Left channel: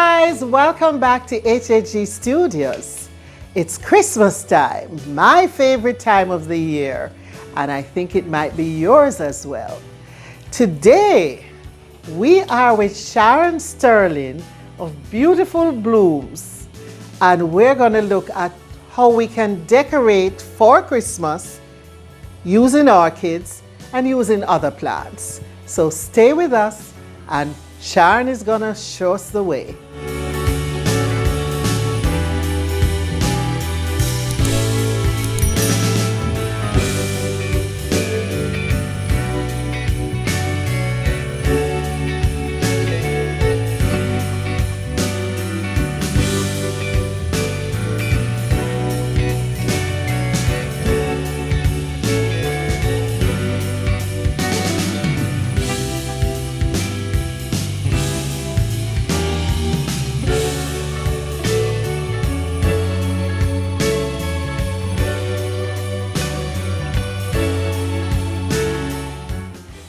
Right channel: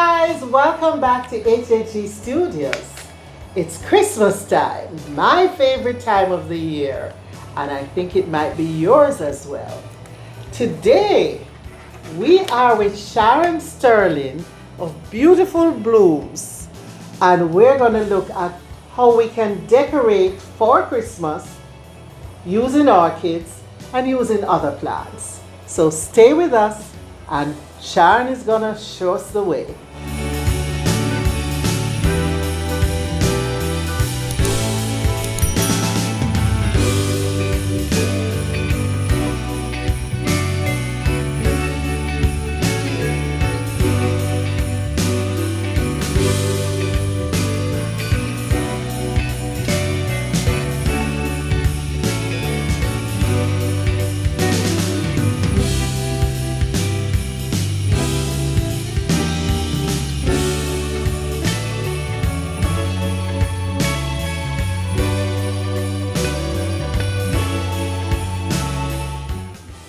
guys, welcome back to HHG Studios. It's Christmas time, my favorite time of the year, and I think it might be yours as well. Today, we are with Sharon Sterling of Beautiful Blooms, and we're going to look at how we can decorate for Christmas using orchids and using other plants. So stay with us, and Sharon is going to show us the way.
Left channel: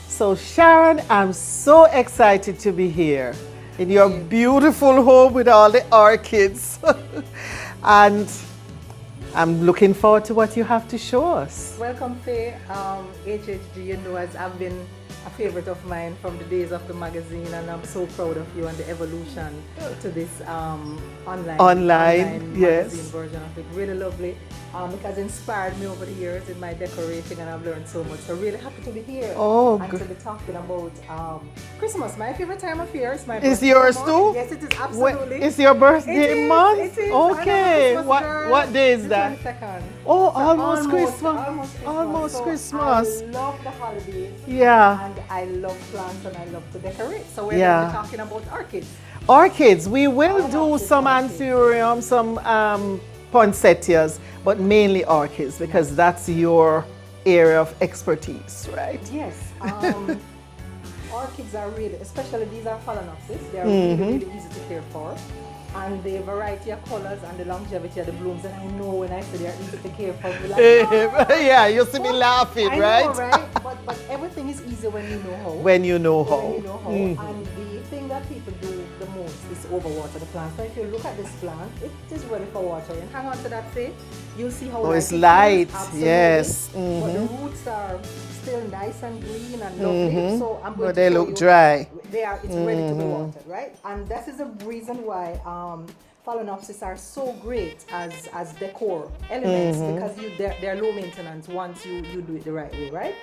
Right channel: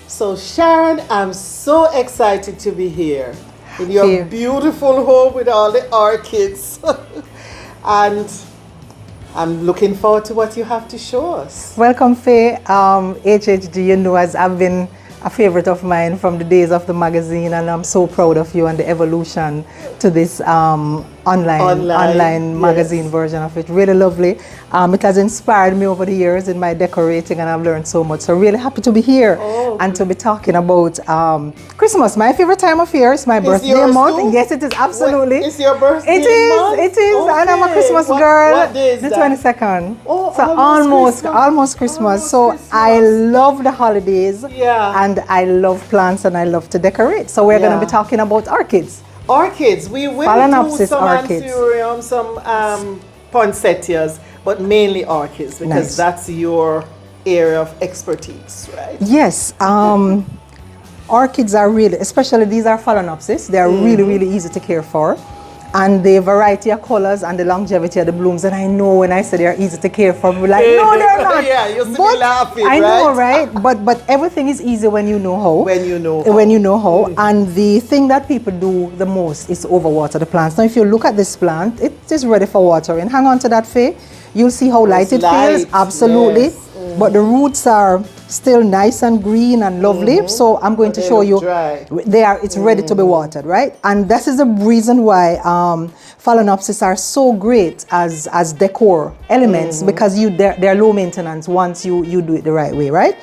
So Sharon, I'm so excited to be here in your beautiful home with all the orchids. And I'm looking forward to what you have to show us. Welcome, Faye. HHG, you know, as I've been a favorite of mine from the days of the magazine, and I'm so proud of you and the evolution to this online magazine version of it. Really lovely. It has inspired me over the years in my decorating, and I've learned so much. So really happy to be here and to be talking about Christmas, my favorite time of year. It's my birthday month. Too? Yes, it is, absolutely. It's your birthday month? It is, okay. And I'm a Christmas girl. What day is the that? 22nd. Oh, so almost Christmas. So I love the holidays. Yeah. And I love plants and I love to decorate. So we're going to be talking about orchids. Orchids. We will do some orchids. anthurium, some poinsettias, but mainly orchids because that's your area of expertise, right? Yes. Orchids are really, especially these are phalaenopsis. They are really easy to care for. And the variety of colors and the longevity of the blooms. And I know when I say they're easy to care for, we're like, no, they're not. Yeah, you see me laughing, right? I know, right? But everything is easy when you know how. When you know how. When you know how. And the thing that people do the most is overwater the plants. Now, if you look at this plant, it is ready for watering. Hang on to that, Faye. You'll see how light it feels. Absolutely. Yes. But the roots are still nice and green and lovely. So I'm going to show you. Dry. It's ready to be watered, right? And this is the reason why phalaenopsis are so great as decor elements because they're low maintenance once you do it the right way, right?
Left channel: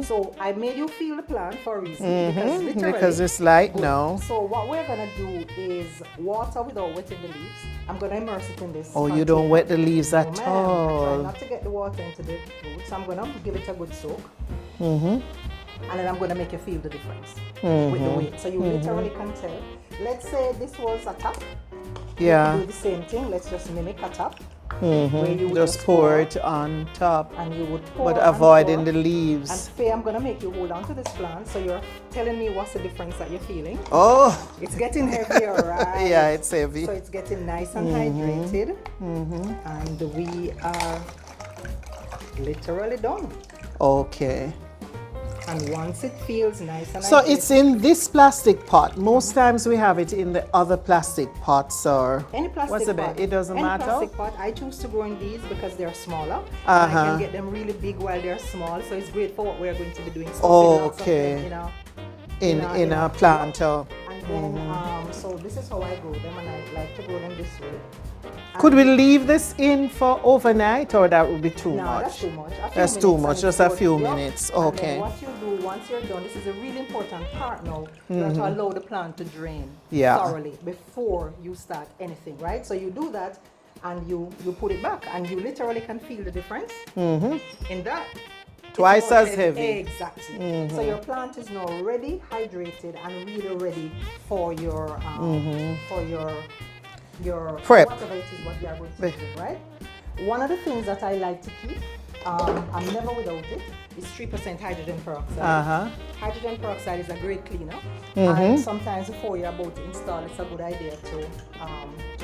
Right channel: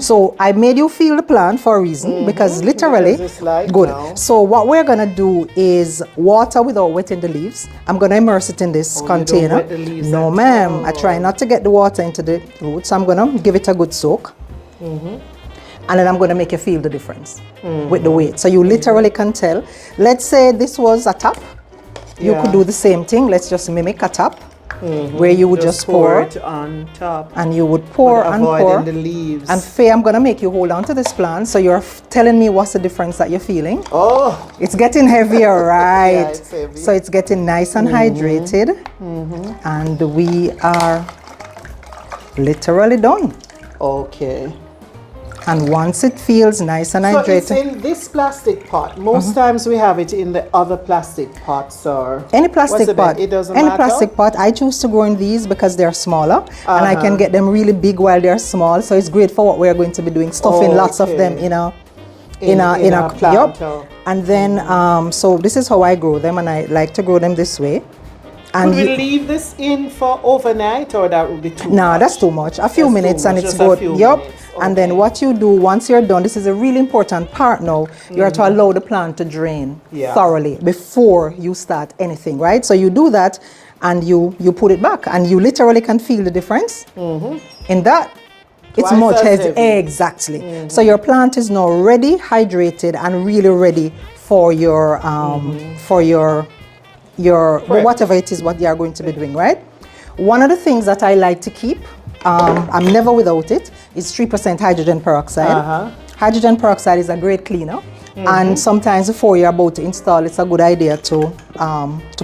So I made you feel the plant for a reason because literally it's light good. Now. So what we're gonna do is water without wetting the leaves. I'm gonna immerse it in this container. You don't wet the leaves no, ma'am. I try not to get the water into the roots. So I'm gonna give it a good soak. And then I'm going to make you feel the difference with the weight. So you literally can tell. Let's say this was a top. You could do the same thing. Let's just mimic a top where you would just pour it on top. And you would pour and pour. Avoiding the leaves. And Faye, I'm going to make you hold on to this plant. So you're telling me what's the difference that you're feeling. Oh. It's getting heavier, right? Yeah, it's heavy. So it's getting nice and hydrated. And we are literally done. Okay. And once it feels nice and hydrated. So it's in this plastic pot. Most times we have it in the other plastic pots or... Any plastic pot. It doesn't matter? Any plastic pot. I choose to grow in these because they're smaller. And I can get them really big while they're small. So it's great for what we're going to be doing. Stuffing lots of them in a plant. And then, so this is how I grow them. And I like to grow them this way. And could we leave this in for overnight, or that would be too much? No, that's too much. A few minutes and it's good. Yep. And then what you do once you're done, this is a really important part now, you are to allow the plant to drain thoroughly before you start anything, right? So you do that and you put it back and you literally can feel the difference in that. It's much heavy. Exactly. So your plant is now ready, hydrated, and really ready for your whatever it is what you are going to be doing, right? One of the things that I like to keep, I'm never without it, is 3% hydrogen peroxide. Hydrogen peroxide is a great cleaner. And sometimes before you're about to install, it's a good idea to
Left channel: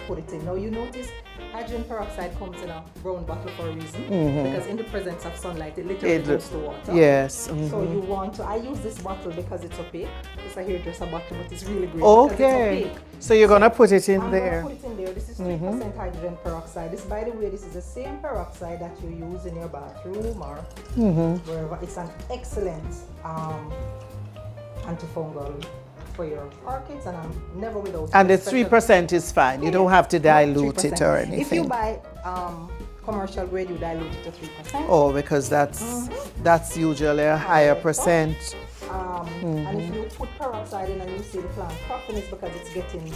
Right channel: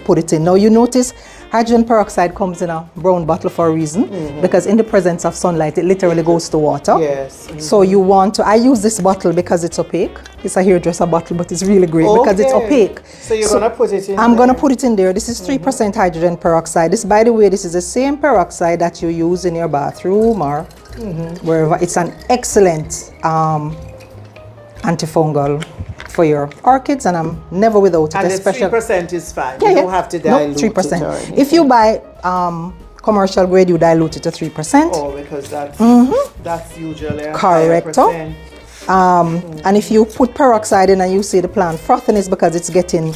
put it in. Now you notice Hydrogen peroxide comes in a brown bottle for a reason, because in the presence of sunlight, it literally goes to water. Yes. So you want to, I use this bottle because it's opaque. It's a hairdresser bottle, but it's really great because it's opaque. So you're going to put it in I'm going to put it in there. This is 3% hydrogen peroxide. This, by the way, this is the same peroxide that you use in your bathroom or wherever. It's an excellent antifungal for your orchids, and I'm never without it. And the 3% is fine. You don't have to dilute it or anything. If you buy commercial grade, you dilute it to 3%. Oh, because that's usually a higher percent. And if you put peroxide in and you see the plant frothing, it's because it's getting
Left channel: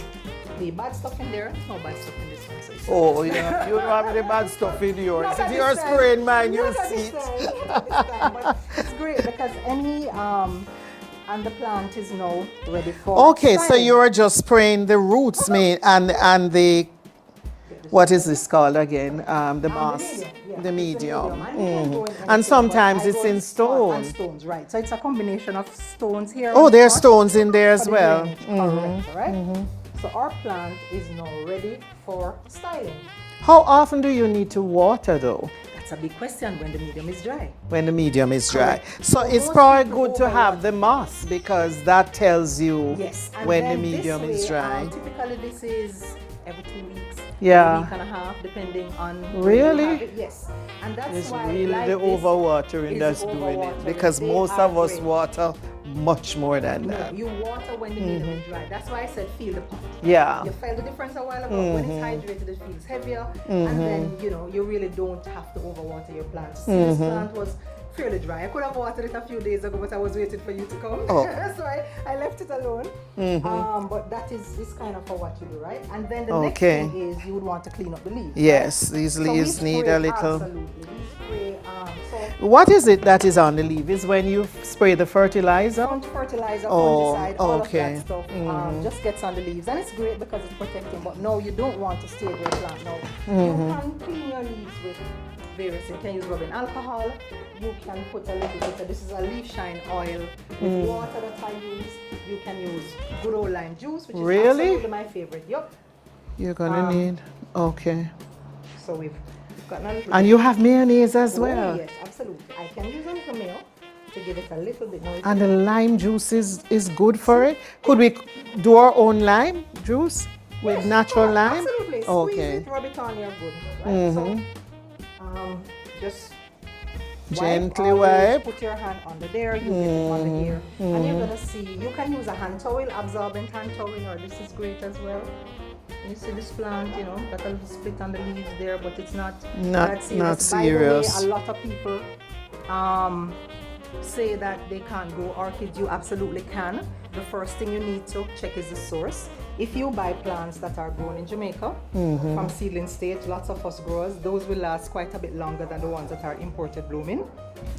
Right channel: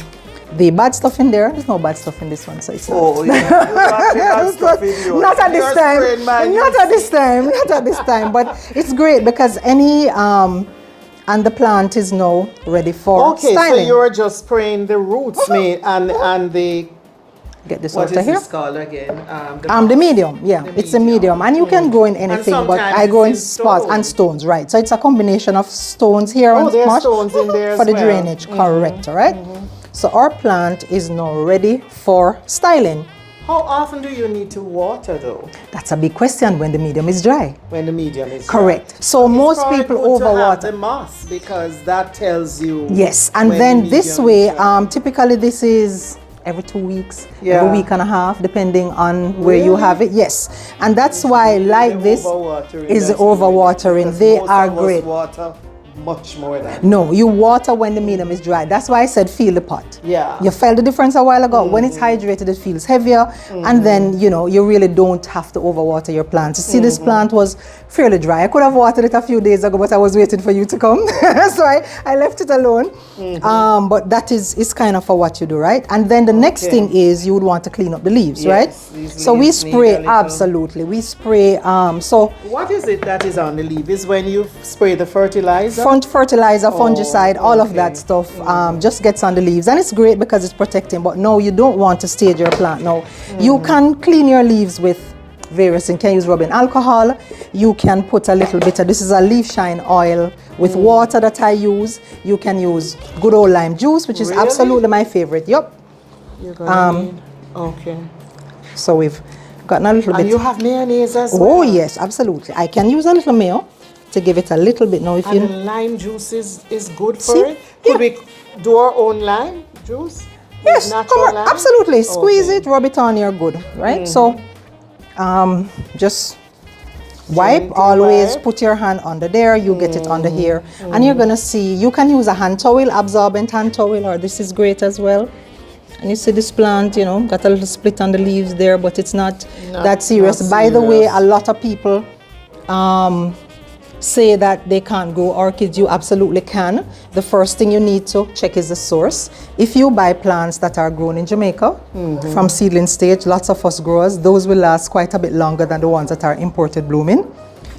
the bad stuff in there. There's no bad stuff in this one, so it's not. Oh, you have the bad stuff in yours. Not at this time. Not at this time. Not at this time. But it's great because any and the plant is now ready for styling. So you're just spraying the roots, and the get this what is here. this called again? The medium, it's a medium, and you can go in anything, but I go in spots and stones, right? So it's a combination of stones here. Oh, there's stones in there as for well. the drainage, correct, right? So our plant is now ready for styling. How often do you need to water though? That's a big question when the medium is dry. When the medium is dry. Correct. So most people overwater. The moss, because that tells you. Yes, and then this way, typically this is every 2 weeks, every week and a half, depending on where you have it. Yes, and that's why this is overwatering. They are great. Much more than no, you water when the medium is dry. That's why I said feel the pot. Yeah, you felt the difference a while ago. When it's hydrated, it feels heavier, and then you really don't have to overwater your plants. You see, this plant was fairly dry. I could have watered it a few days ago, but I was waiting for you to come, so I left it alone. But that is kind of for what you do, right? And then the next thing is you would want to clean up the leaves, right? So we spray absolutely. We spray. So what is it that is on the leaf? Is when you spray the fertilizer. Fertilizer, fungicide, all of that stuff just gets on the leaves, and it's great because it's protecting. But no, you don't want to stage your plant. No, you can clean your leaves with various things. You can use rubbing alcohol. You can put a little bit of, this is a leaf shine oil with water that I use. You can use good old lime juice, which is absolutely my favorite. Yep. You're gonna need, So we've gotten a little bit. And you have mayonnaise as well? Oh yes, absolutely. I can use a little mayo to give it a little bit. Now, if and the lime juice is good for it? Could we do our own lime juice? Yes, natural lime? Absolutely. Squeeze it, rub it on, you're good, right? So, just wipe, always put your hand under there, you get it under here, and you're gonna see, you can use a hand towel, absorbent hand towel, or this is great as well. And you see this plant, got a little split on the leaves there, but it's not that serious. By the way, a lot of people say that they can't grow orchids. You absolutely can. The first thing you need to check is the source. If you buy plants that are grown in Jamaica from seedling stage, lots of us growers, those will last quite a bit longer than the ones that are imported blooming,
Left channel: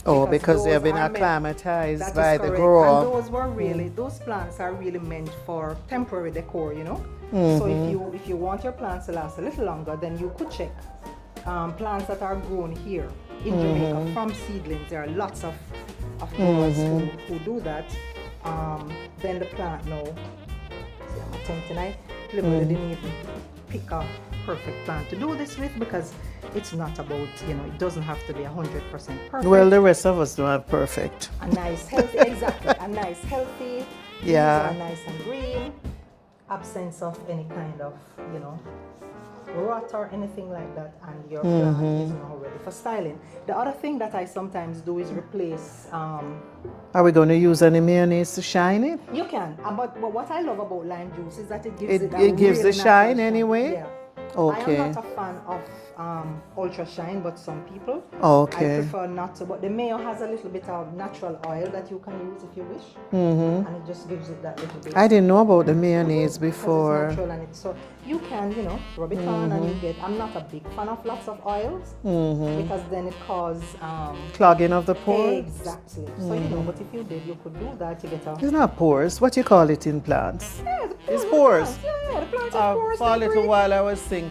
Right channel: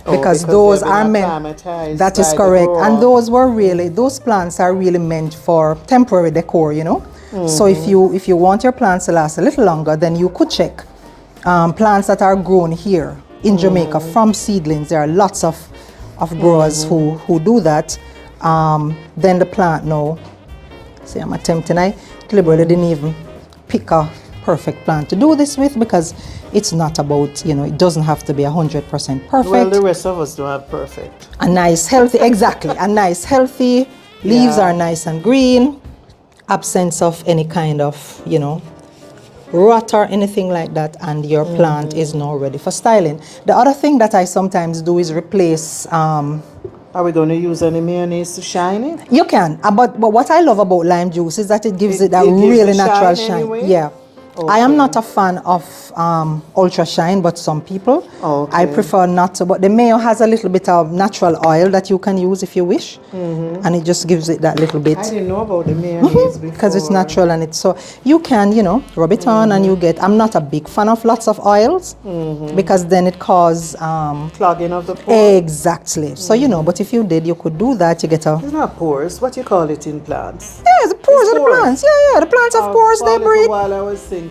because those are meant. That is correct. And those plants are really meant for temporary decor, So if you want your plants to last a little longer, then you could check plants that are grown here in Jamaica from seedlings. There are lots of growers who do that. Then the plant now, see, I'm attempting, I deliberately didn't even pick a perfect plant to do this with, because it's not about, it doesn't have to be 100% perfect. Well, the rest of us don't have perfect. A nice healthy, exactly, a nice healthy, leaves are nice and green, absence of any kind of, rot or anything like that, and your plant is now ready for styling. The other thing that I sometimes do is replace. Are we going to use any mayonnaise to shine it? You can, but what I love about lime juice is that it gives it a really natural shine. Anyway? Yeah. Okay. I am not a fan of ultra shine, but some people. I prefer not to. But the mayo has a little bit of natural oil that you can use if you wish, and it just gives it that little bit. I didn't know about the mayonnaise before. Because it's natural, and it's so you can, rub it on, and you get. I'm not a big fan of lots of oils because then it causes clogging of the pores. Exactly. So but if you did, you could do that. You get a. It's not pores. What you call it in plants? Yeah, the pores of the plants. Yeah, the plants have pores. They breathe. While I was thinking.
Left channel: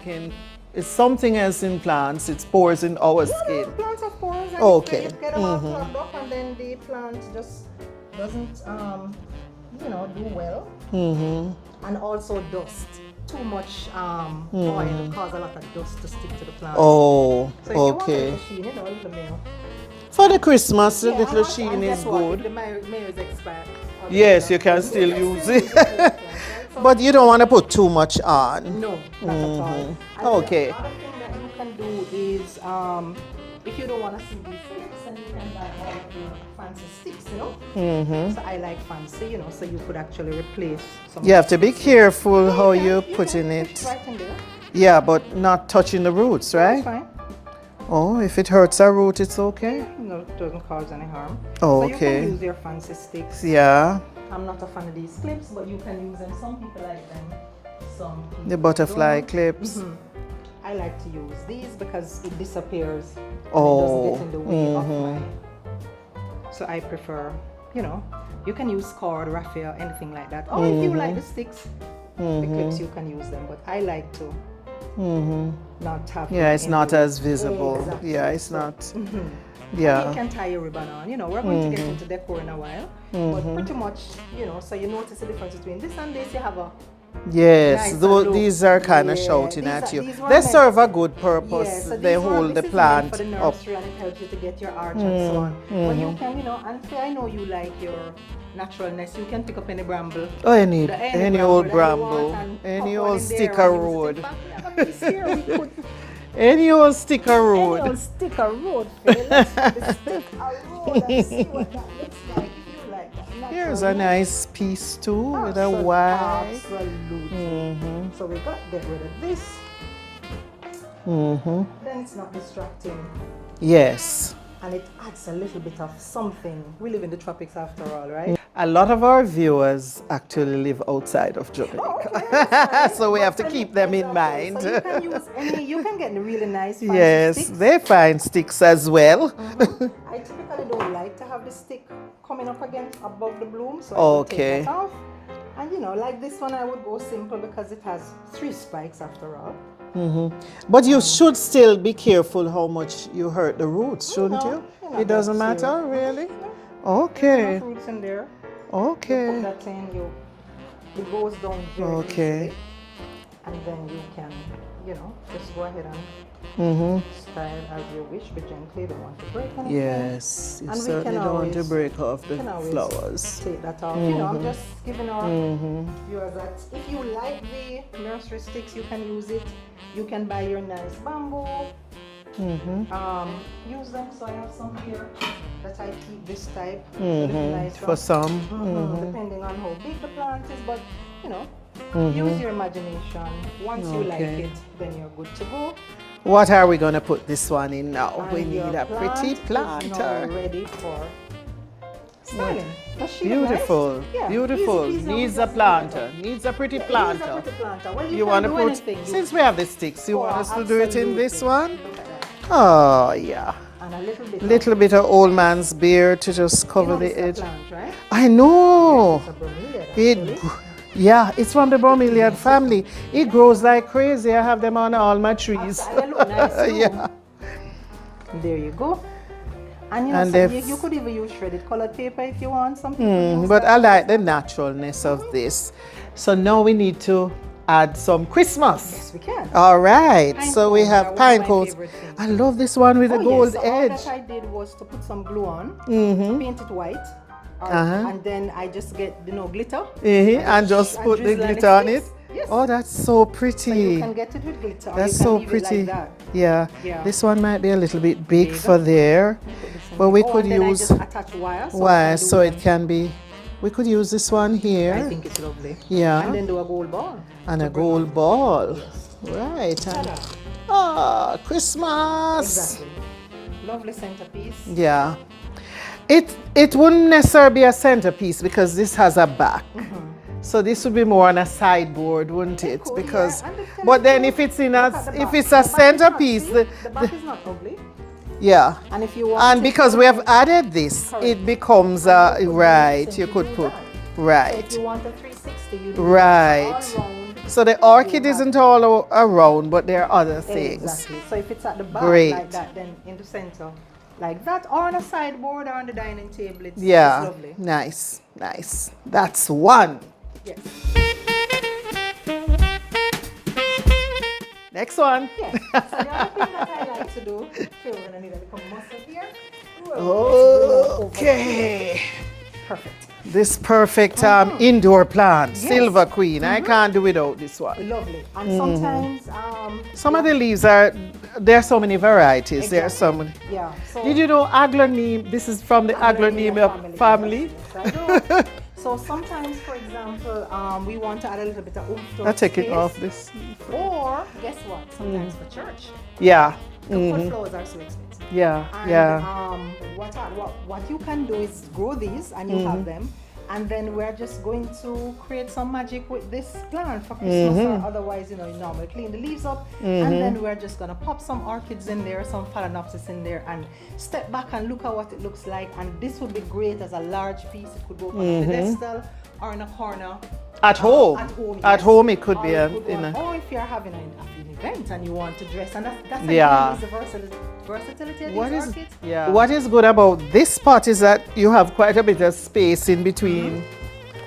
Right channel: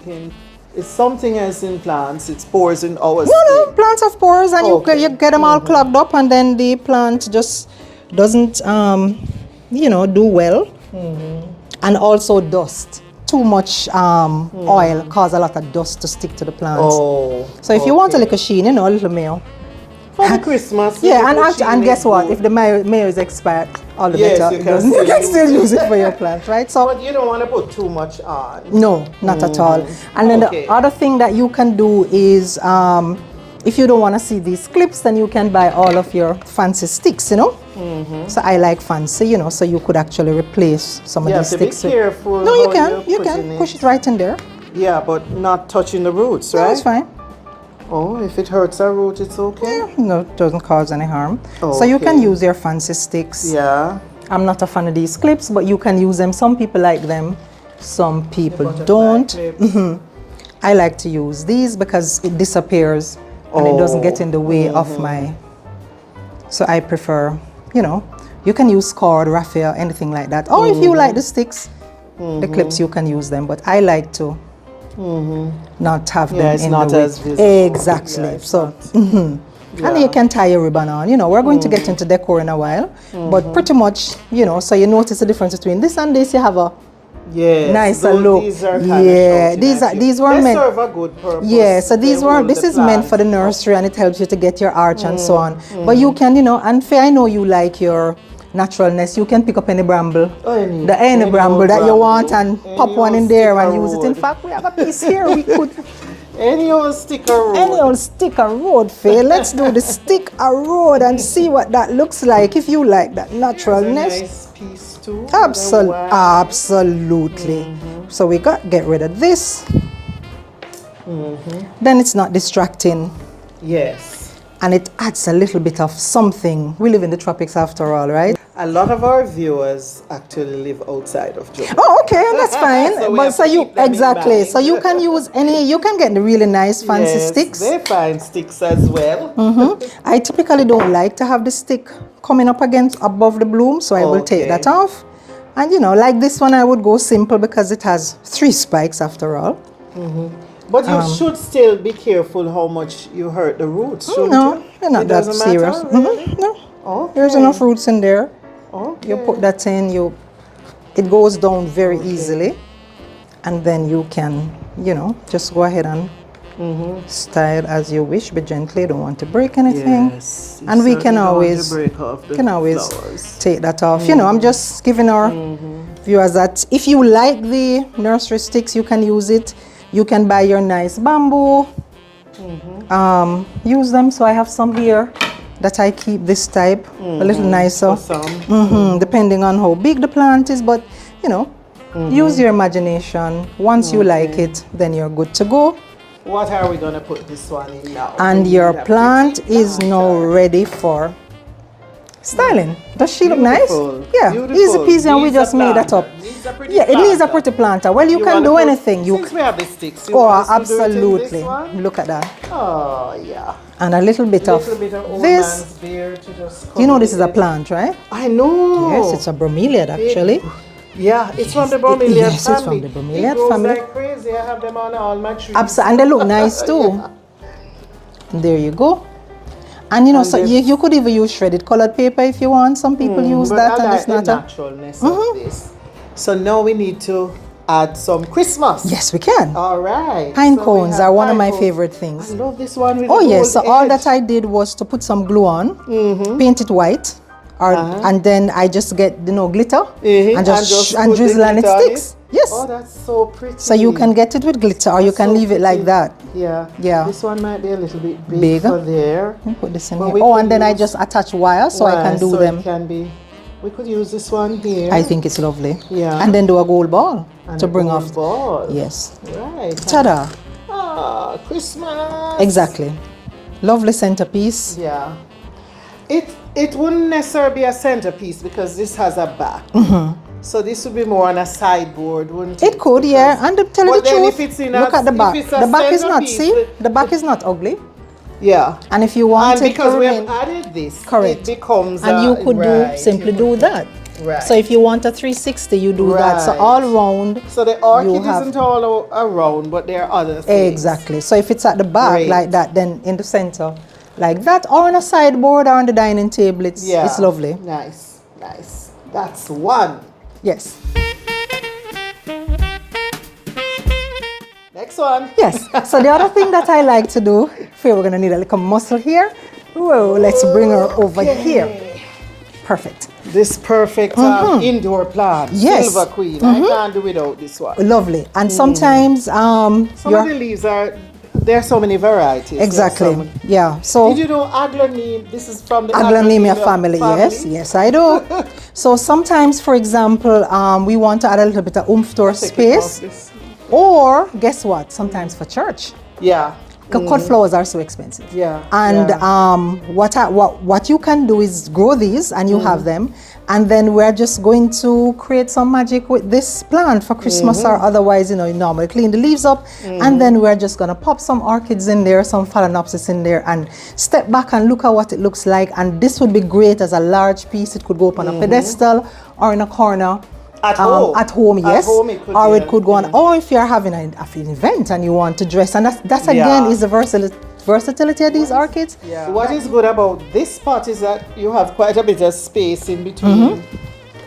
It's something else in plants. It's pores in our skin. No, plants have pores, and you get them all clogged up, and then the plant just doesn't, do well. And also dust. too much oil cause a lot of dust to stick to the plants. Oh. So if you want a little sheen, you know, a little mayo. For the Christmas. Yeah, and guess what? If the mayo is expired, all the yes, better. you can still use it for your plant, right? So, but you don't want to put too much on. No, not at all. And then the other thing that you can do is, if you don't want to see these clips, then you can buy all of your fancy sticks, you know? So I like fancy, you know, so you could actually replace some of these sticks. You have to be careful no, how you can push it right in there. Yeah, but not touching the roots, right? No, that's fine. Oh, if it hurts our root, it's okay? Yeah, no, it doesn't cause any harm. So you can use your fancy sticks. Yeah. I'm not a fan of these clips, but you can use them. Some people like them, some people the butterfly don't. Clips. I like to use these because it disappears and it doesn't get in the way of my... So I prefer, you know, you can use cord, raffia, anything like that. Or if you like the sticks, the clips, you can use them. But I like to not have them it's in not the way. as visible. Exactly. Yeah, so, and you can tie a ribbon on. You know, we're going to get into decor in a while, but pretty much, you know, so you notice the difference between this and this. You have a nicer look. These are kind of shouting these were they meant, serve a good purpose. Yeah, so this is meant for the nursery, and it helps you to get your arch and so on. But you can, you know, and Faye, I know you like your naturalness. You can pick up any bramble, any bramble that you want, and pop one in there and use it. In fact, we have a piece here. We could. Any old stick a road. Any old stick a road, Faye. Let's do the stick a road and see what that looks like if you like that naturalness. Here's a nice piece too. Absolutely. So we get rid of this. Then it's not distracting. Yes. And it adds a little bit of something. We live in the tropics after all, right? A lot of our viewers actually live outside of Jamaica. Oh, okay, that's fine. So exactly. So you can use you can get the really nice fancy sticks. They find sticks as well. I typically don't like to have the stick coming up against above the bloom, so I will take that off. And you know, like this one, I would go simple because it has 3 spikes after all. But you should still be careful how much you hurt the roots, shouldn't no, you? You're not that serious. No. Okay. There's enough roots in there. Okay. You put that in, it goes down very easily. And then you can, you know, just go ahead and style as you wish, but gently. Don't want to break anything. Yes. And we can always flowers. take that off. You know, I'm just giving our viewers that if you like the nursery sticks, you can use it. You can buy your nice bamboo. Use them. So I have some here that I keep this type, a little nicer. Awesome. Depending on how big the plant is, but you know, use your imagination. Once you like it, then you're good to go. What are we going to put this one in now? And your plant is now ready for styling. Does she look nice? Yeah, easy peasy, and we just made that up. Yeah, it needs a pretty planter. Well, you can do anything. Since we have the sticks, absolutely. Look at that. Oh, yeah. And a little bit of old man's beard to just cover. You know this is a plant, right? I know. Yes, it's a bromeliad actually. It's from the bromeliad family. It's from the bromeliad it grows family. like crazy. I have them on all my trees. Absolutely, and they look nice too. There you go. And you know, so you could even use shredded colored paper if you want. Some people use that. But I like the naturalness of this. So now we need to add some Christmas. Yes, we can. All right. Pine cones are one of my favorite things. I love this one with the gold yes. So all that I did was to put some glue on, paint it white, and then I just get glitter and just drizzle and it sticks. Yes. Oh, that's so pretty. So you can get it with glitter, or you can leave it like that. Yeah. Yeah. This one might be a little bit big for there. Put this in here. And then I just attach wire so I can do them. It can be. We could use this one here. I think it's lovely. Yeah. And then do a gold ball to bring off. Ball. Yes. Right. Ta-da. Ah, Christmas. Exactly. Lovely centerpiece. Yeah. It wouldn't necessarily be a centerpiece because this has a back. So this would be more on a sideboard, wouldn't it? It could, yeah. And tell you the truth, if it's in look at the back. If it's a the back is not, centerpiece, see? The back is not ugly. Yeah. And if you want and because we have added this, correct. It becomes and you could simply do that. Right. So if you want a 360, you do that. So all round. So the orchid isn't all around, but there are other things. Exactly. So if it's at the back like that, then in the center, like that, or on a sideboard or on the dining table, it's lovely. Nice, nice. That's one. Yes. Next one. Yes. So the other thing that I like to do, we're going to need a little muscle here. Whoa, let's bring her over here. Perfect. This perfect indoor plant, yes. Silver Queen. I can't do without this one. Lovely. And sometimes some of the leaves are, there are so many varieties. Exactly. Yeah. So did you know Aglaoneme? This is from the Aglaoneme family. Yes, yes, I do. So sometimes, for example, we want to add a little bit of oomph to our space. Or guess what? Sometimes for church. Yeah. Cut flowers are so expensive. Yeah. And what you can do is grow these, and you have them, and then we're just going to create some magic with this plant for Christmas, or otherwise, you know, you normally clean the leaves up, and then we're just gonna pop some orchids in there, some phalaenopsis in there, and step back and look at what it looks like. And this would be great as a large piece. It could go up on a pedestal or in a corner. At home? At home, yes. At home it could or it could go on, or if you're having an event and you want to dress, and that's again is the versatility of these orchids. Yeah. What is good about this pot is that you have quite a bit of space in between,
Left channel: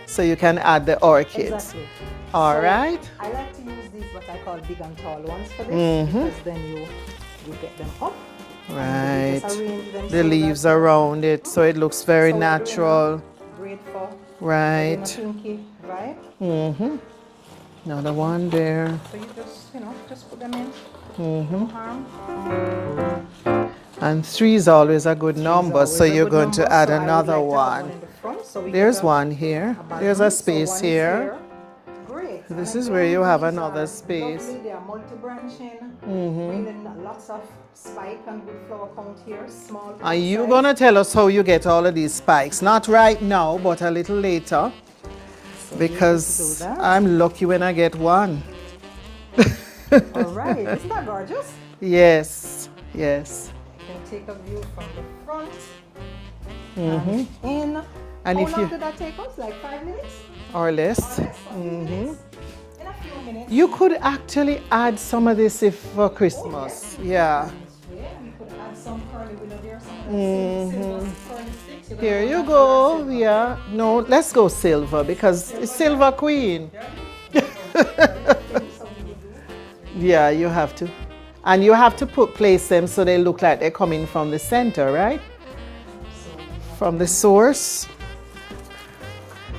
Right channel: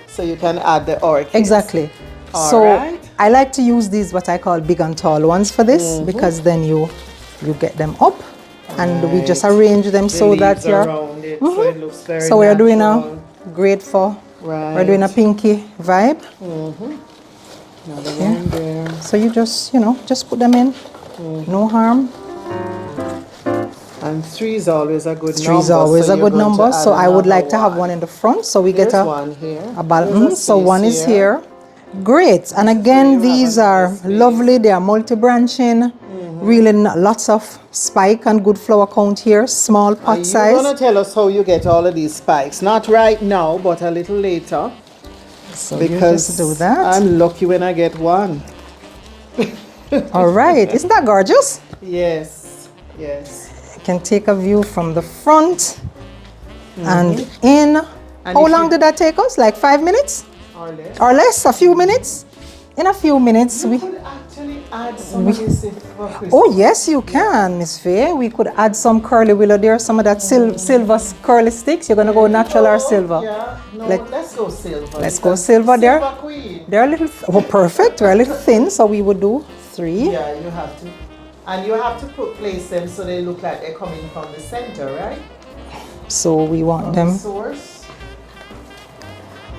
so you can add the orchids. Exactly. Right. I like to use these what I call big and tall ones for this, because then you get them up, and we just arrange them so that you're around it, so it looks very so natural. we're doing a great for. Right. We're doing a pinky vibe. Another one there. So you just, you know, just put them in. No harm. And 3 is always a good number. 3 is always a good number. So I would like to have one in the front, so we get one here. A balance. So one is here. Great. And again, these are lovely. They are multi-branching. Really lots of spike and good flower count here. Small pot size. You're going to tell us how you get all of these spikes. Not right now, but a little later. So because do that. I'm lucky when I get one. All right. Isn't that gorgeous? Yes. Yes. You can take a view from the front and in. And how long did that take us? Like 5 minutes? Or less. Or less, a few minutes. In a few minutes. You could actually add some of this for Christmas. Oh, yes, you can, Miss Faye. We could add some curly willow there, some of that silver curly sticks. You're going to go natural or silver? Yeah. No, let's go silver. Let's go silver there. Silver Queen. They're a little, perfect. They're a little thin, so we would do 3. Yeah, you have to. And you have to place them so they look like they're coming from the center, right? So we want from them. The source.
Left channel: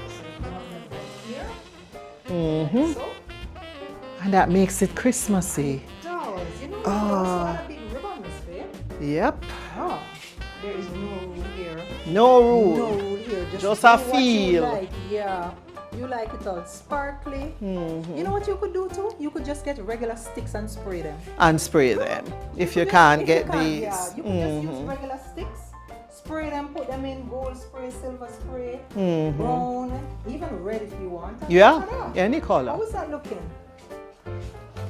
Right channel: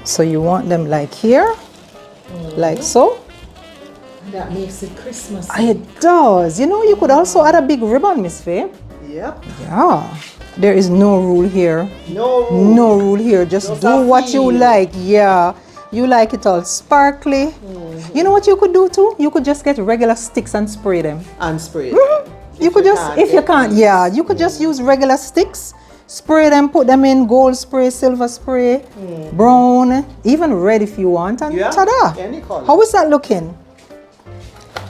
So you want them like here, like so. And that makes it Christmassy. It does. You know, you could also add a big ribbon, Miss Faye. Yep. Yeah. There is no rule here. No rule. No rule here. Just do what you like. Yeah. You like it all sparkly. You know what you could do too? You could just get regular sticks and spray them. And spray them. You could just use regular sticks. Spray them, put them in gold spray, silver spray, brown, even red if you want, and ta-da! Any color. How is that looking?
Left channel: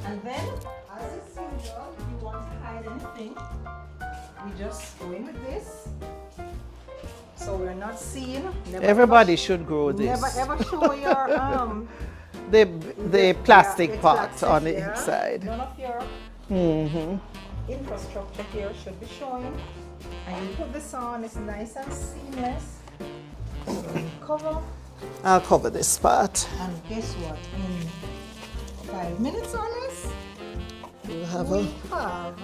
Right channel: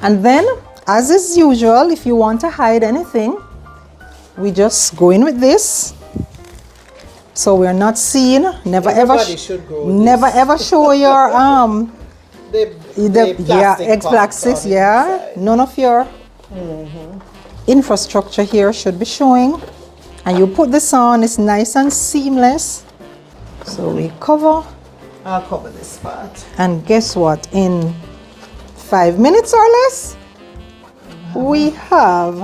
And then, as is usual, if you want to hide anything, we just go in with this. So we're not seen. Everybody should grow this. Never ever show your the plastic yeah. None of your infrastructure here should be showing. And you put this on, it's nice and seamless. So we cover. I'll cover this part. And guess what? In 5 minutes or less, we have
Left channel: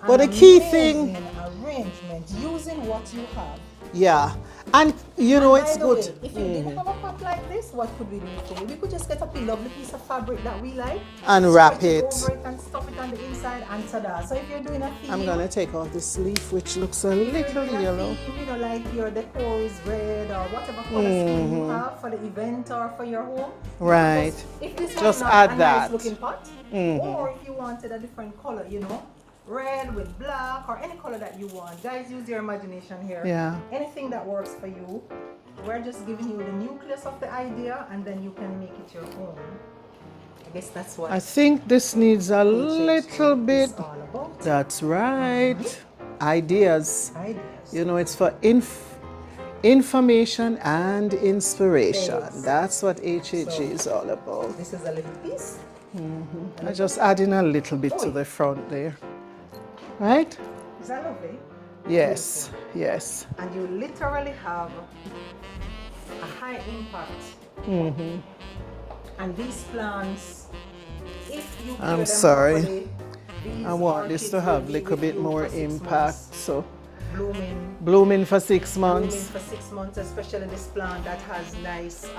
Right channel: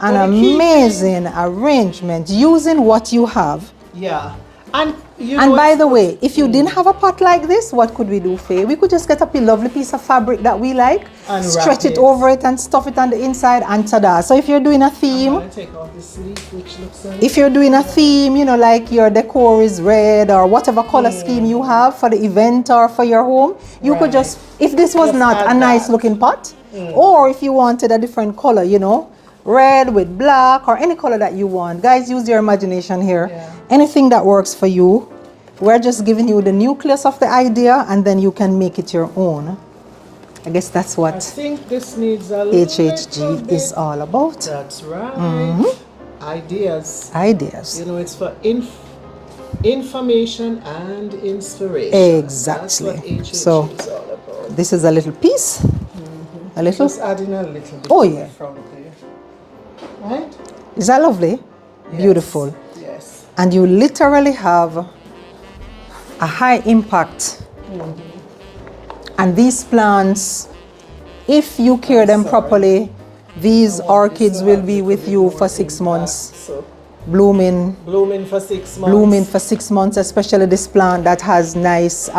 an amazing arrangement using what you have. Yeah. And by the way, if you didn't have a pot like this, what could we do, Faye? We could just get a lovely piece of fabric that we like, and stretch it over it and stuff it on the inside, and ta-da. So if you're doing a theme, I'm gonna take off this leaf, which looks so if you're doing a theme, you know, like your decor is red or whatever color scheme you have for the event or for your home, you could just, if this was not a nice looking pot, or if you wanted a different color, you know, red with black or any color that you want. Guys, use your imagination here. Yeah. Anything that works for you. We're just giving you the nucleus of the idea, and then you can make it your own. I guess that's what I think this needs a HHG is all about. That's right. Ideas. Ideas. You know, it's for information and inspiration. Exactly. That's what HHG is all about. This is a little piece. A little. Just adding a little bit to the front there. Right? Is that lovely? Yes. Beautiful. Yes. And you literally have a high impact. And these plants if you care them properly, these orchids will be with you for 6 months. So blooming for 6 months. Blooming for 6 months, especially this plant that has nice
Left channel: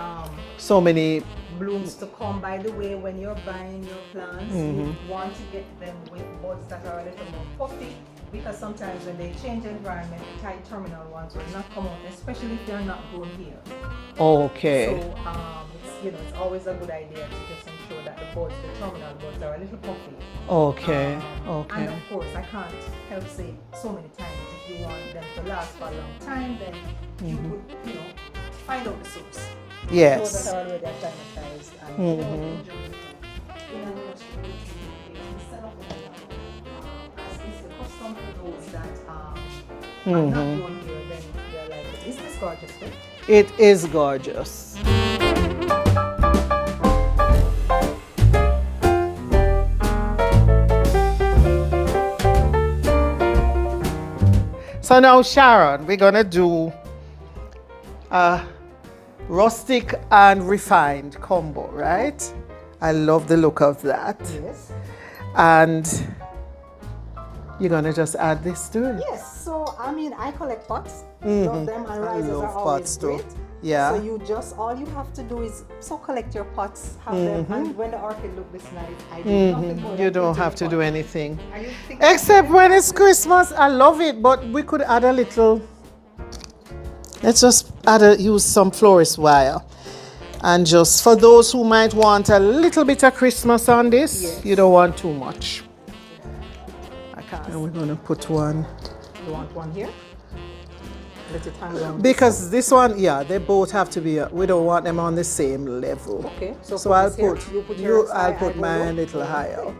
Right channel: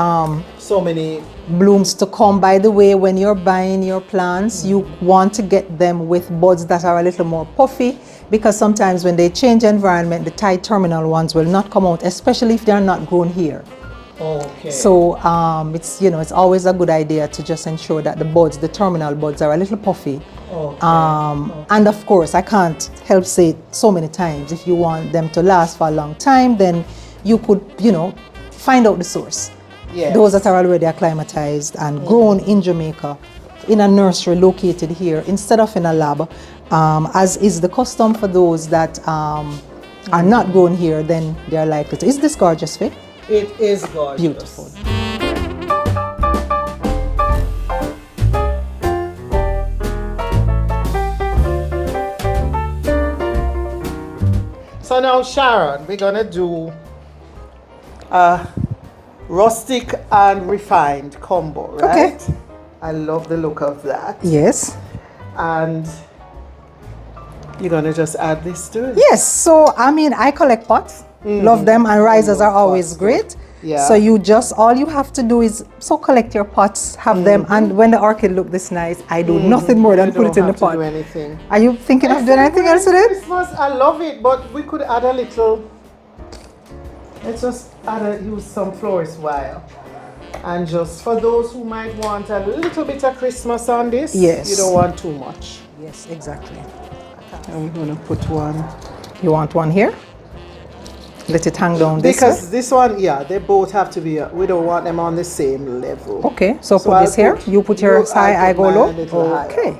so many blooms to come. By the way, when you're buying your plants, you want to get them with buds that are a little more puffy, because sometimes when they change environment, the tight terminal ones will not come out, especially if they're not grown here. Okay. So it's, you know, it's always a good idea to just ensure that the buds, the terminal buds, are a little puffy. Okay. And of course, I can't help say it so many times, if you want them to last for a long time, then you could, you know, find out the source. Yes. Those that are already acclimatized and grown in Jamaica, in a nursery located here, instead of in a lab, as is the custom for those that are not grown here, then they're likely to. Is this gorgeous, Faye? It is gorgeous. Beautiful. So now, Sharon, we're gonna do a rustic and refined combo, right? Okay. I love the look of that. Yes. And you're gonna just add this to it? Yes, so I mean, I collect pots, love them, and risers are always great. Yeah. So you just, all you have to do is, so collect your pots, have them, and when the orchid look this nice, I do nothing more than put it in the pot. You don't have to do anything. Are you thinking of doing Except anything when else it's today? Christmas, I love it, but we could add a little, let's just use some florist wire. And just for those who might want a little bit of Christmas on this, Yes. you don't want too much. Yes, exactly. And we're going to put one. You want one here? Let it hang down this Because way? this one, yeah, they both have to be, we don't want them on the same level. Okay, so put I'll this here. You put yours high, I go low. Okay.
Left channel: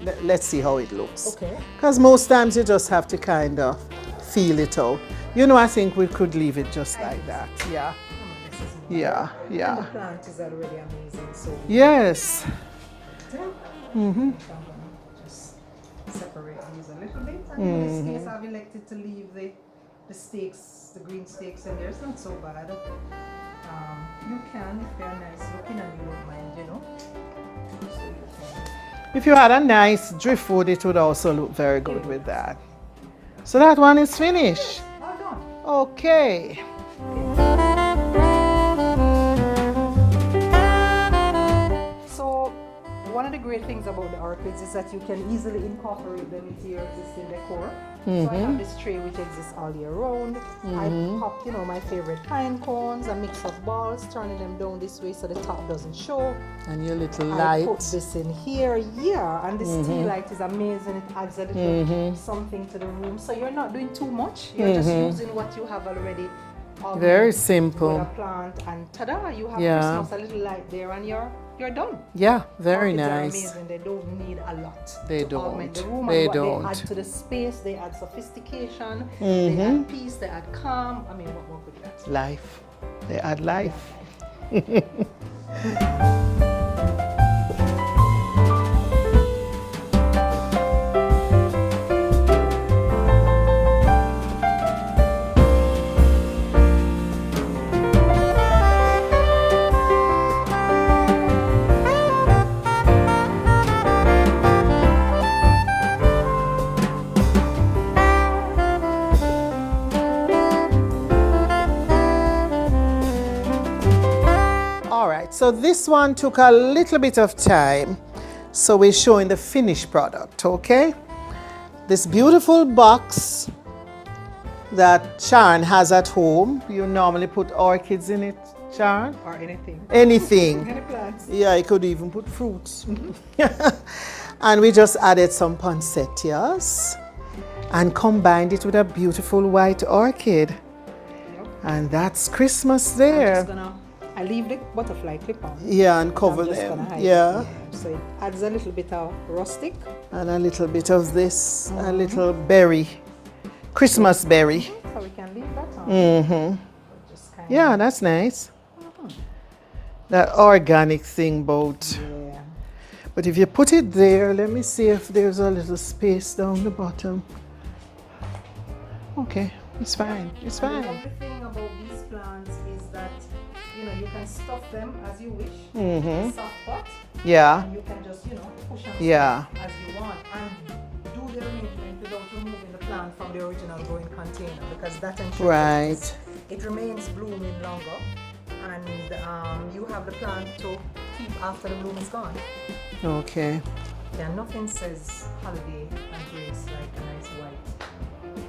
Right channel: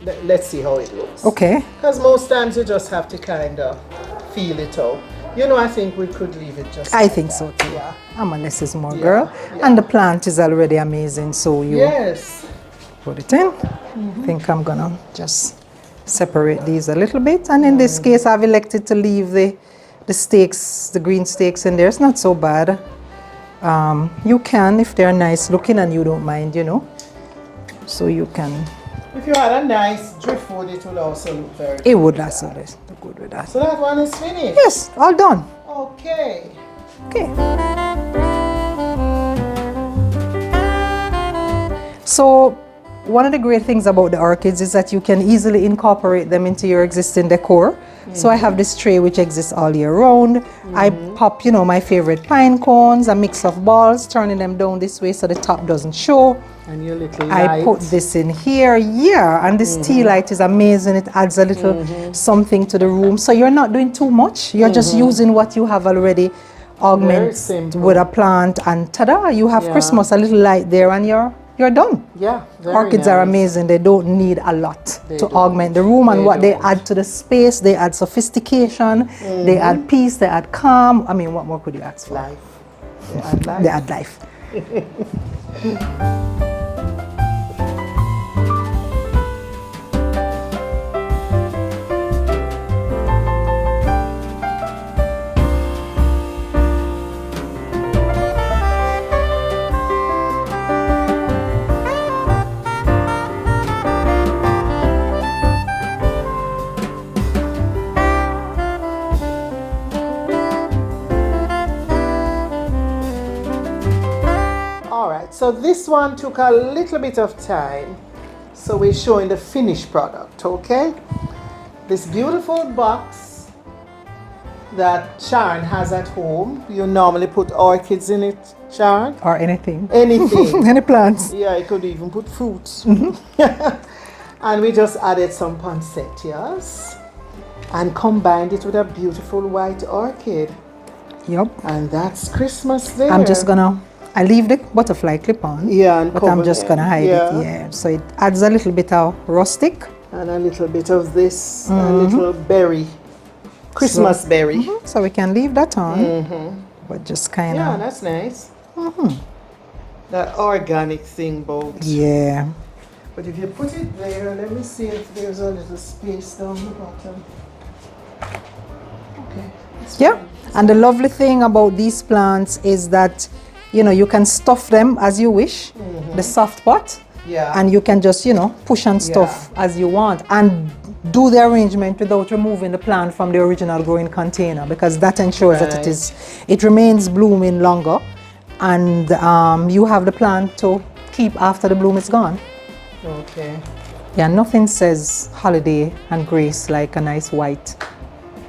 Okay. Let's see how it looks. Okay. Because most times you just have to kind of feel it out. You know, I think we could leave it just I like think that. so too. Yeah. I'm a less is more Yeah, girl. yeah. And the plant is already amazing, so you Yes. put it in. I think I'm gonna just separate these a little bit. And in this case, I've elected to leave the stakes, the green stakes in there. It's not so bad. You can, if they're nice looking and you don't mind, you know. So you can. If you had a nice driftwood, it would also look very good. It would with also that. look good with that. So that one is finished? Yes, all done. Okay. Okay. So one of the great things about the orchids is that you can easily incorporate them into your existing decor. So I have this tray which exists all year round. I pop, you know, my favorite pine cones, a mix of balls, turning them down this way so the top doesn't show. And your little I light. put this in here, yeah, and this tea light is amazing. It adds a little something to the room. So you're not doing too much. You're just using what you have already, augment simple. with a plant, and ta-da, you have Christmas, a little light there, and you're done. Yeah, very Orchids are nice. amazing. They don't need a lot to don't. augment the room, and They what they don't. add to the space, they add sophistication, they add peace, they add calm. I mean, what more could you ask for? Life. They add life. They add life. So this one took a little bit of time. So we're showing the finished product, okay? This beautiful box that Sharon has at home. You normally put orchids in it, Sharon? Or anything. Anything. Any plants. Yeah, I could even put fruits. And we just added some poinsettias and combined it with a beautiful white orchid. Yep. And that's Christmas there. I'm just gonna, I leave the butterfly clip on. Yeah, and but cover I'm just them. gonna hide Yeah. it. Yeah. So it adds a little bit of rustic. And a little bit of this, a little berry, Christmas berry. So we can leave that on. But just kind of. Yeah, that's nice. That organic thing both. Yeah. But if you put it there, let me see if there's a little space down the bottom. Okay, it's fine. Yeah. And the lovely thing about these plants is that, you know, you can stuff them as you wish. The soft pot. Yeah. And you can just, you know, push and stuff as you want and do the arrangement without removing the plant from the original growing container, because that ensures that it remains blooming longer, and you have the plant to keep after the bloom is gone. Okay. Yeah, nothing says holiday and grace like a nice white.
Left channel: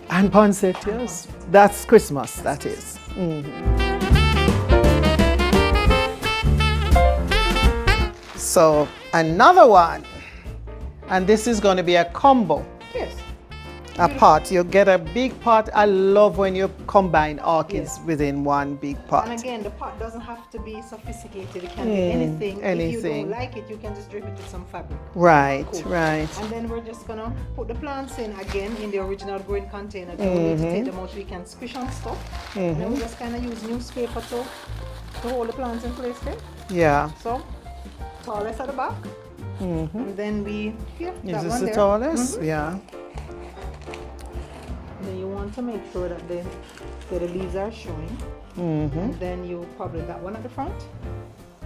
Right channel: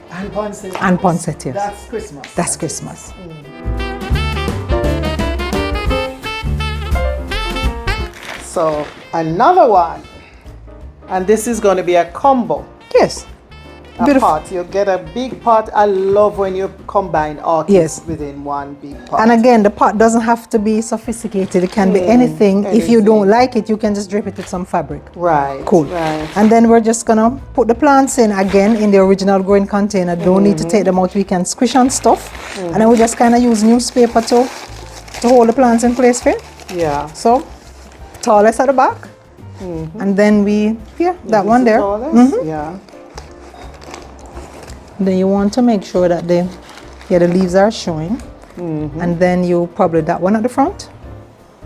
And poinsettias. And poinsettias. That's Christmas. That's Christmas. So another one, and this is going to be a combo. Yes. A pot. You get a big pot. I love when you combine orchids within one big pot. And again, the pot doesn't have to be sophisticated. It can be anything. If you don't like it, you can just drape it with some fabric. Right. Cool. Right. And then we're just gonna put the plants in again in the original growing container. Don't need to take them out. We can squish and stuff. And then we just kind of use newspaper to hold the plants in place for you. Yeah. So, tallest at the back. And then that one there. Yeah. Then you want to make sure that the leaves are showing. And then you probably that one at the front.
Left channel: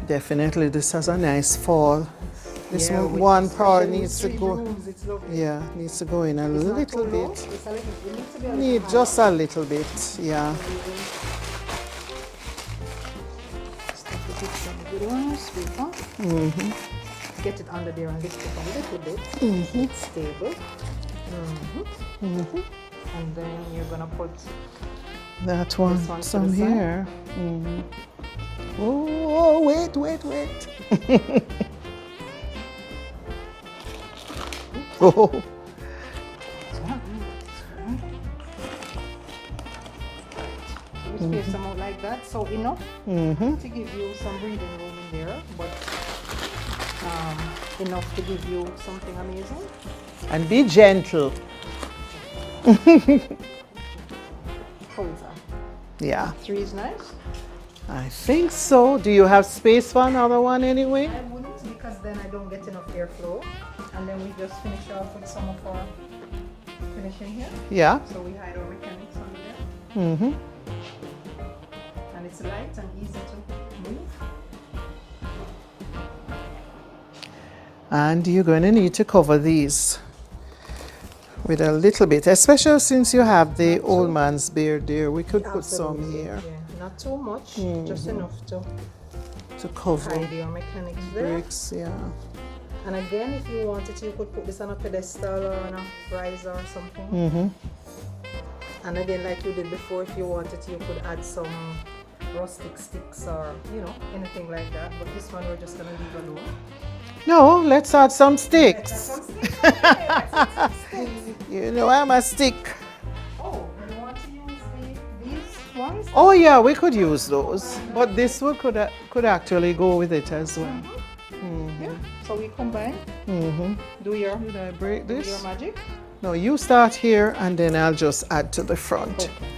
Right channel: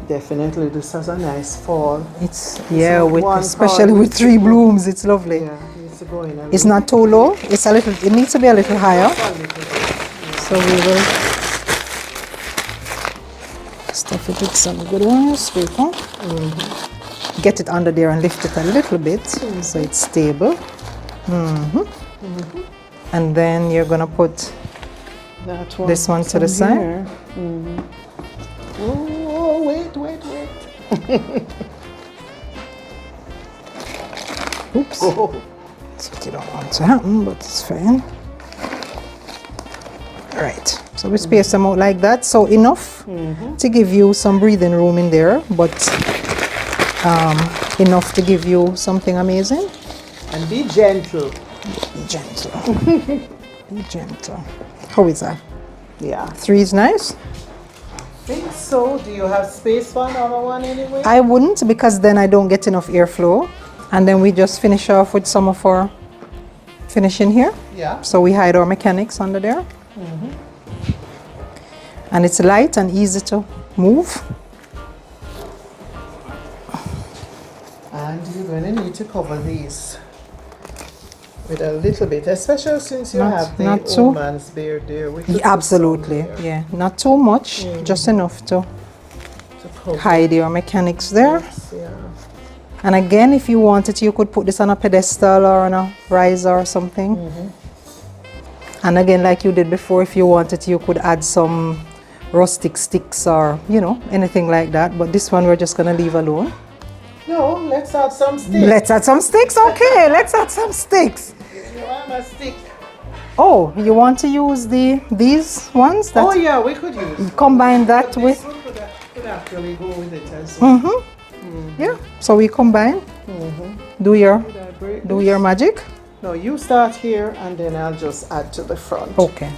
Definitely, this has a nice fall. It's especially with 3 blooms, it's lovely. Yeah, it needs to go in a it's not too low. It's a little. It needs to be a little higher. Just a little bit. Yeah. So we will stuff it with some good newspaper. Get it under there and lift it a little bit so it's stable. And then you're gonna put this one to the side. Oh, wait. Oops. So you don't want to happen, but it's fine. Right. So we space them out like that. So enough to give you some breathing room in there, but enough to give you something amazing. And be gentle. Be gentle. Be gentle. How is that? Yeah. 3 is nice? I think so. Do you have space for another one anyway? I wouldn't, because then I don't get enough airflow. And then we just finish off with some of our finishing here. Yeah. So we hide our mechanics under there. And it's light and easy to move. And you're going to need to cover these with a little bit, especially since you have the old man's beard there. Absolutely, yeah. Not too much, just enough to hide your mechanics there. Yes, yeah. And again, if you wanted, you could put this on a pedestal or on a riser or something. And again, like you did before, if you wanted, you could add some rustic sticks or, you know, anything like that. But this one we're just going to leave alone. No, let's add some sticks. Let's add some sticks? Okay, let's add some sticks. You know, I'm a stick. Oh, you want to use these ones? Oh yeah, we could use those. Combine that but this with... could actually go with it as well. Yeah, so we combine. Do your magic. No, you start here and then I'll just add to the front. Okay.